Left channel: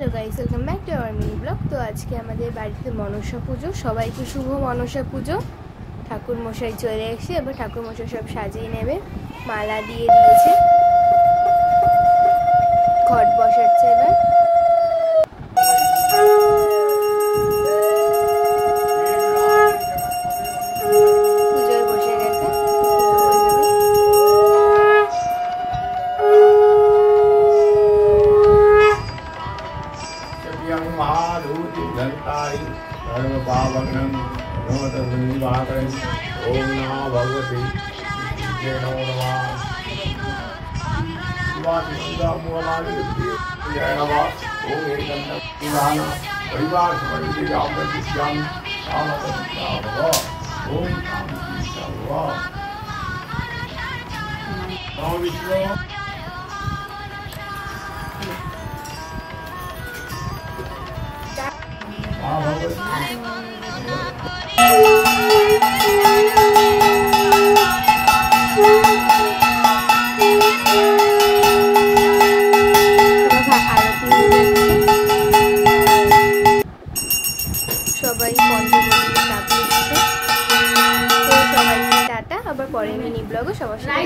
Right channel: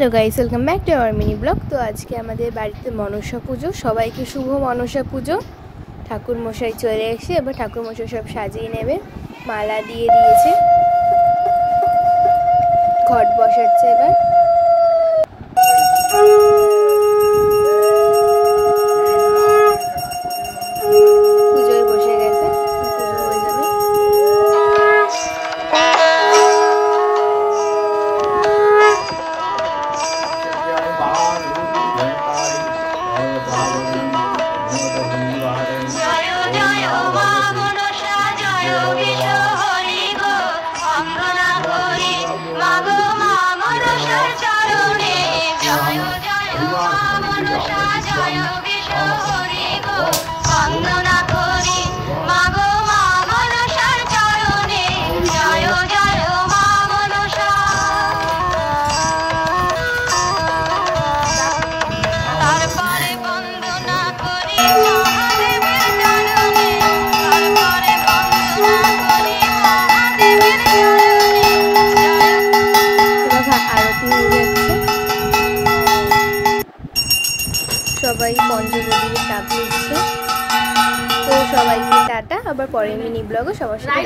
Hello guys, welcome back to our mini blog. তো আজকে আমাদের বাড়িতে মনসা পুজো। সবাইকে শুভ মনসা পুজো। ঠাকুর মশাই চলে এসে এবার ঠাকুর মশাই সব সাজিয়ে নেবে, মালা দিয়ে দিয়েছে, ঘট বসাচ্ছে এবার। পুজোয় বসে গেছে, পুজো হয়ে যাবে। সবাই পঞ্চমীর চাপ দিচ্ছে। তো সবাইকে টাটা, আবার পরের মিনি ব্লগে সবার সাথে।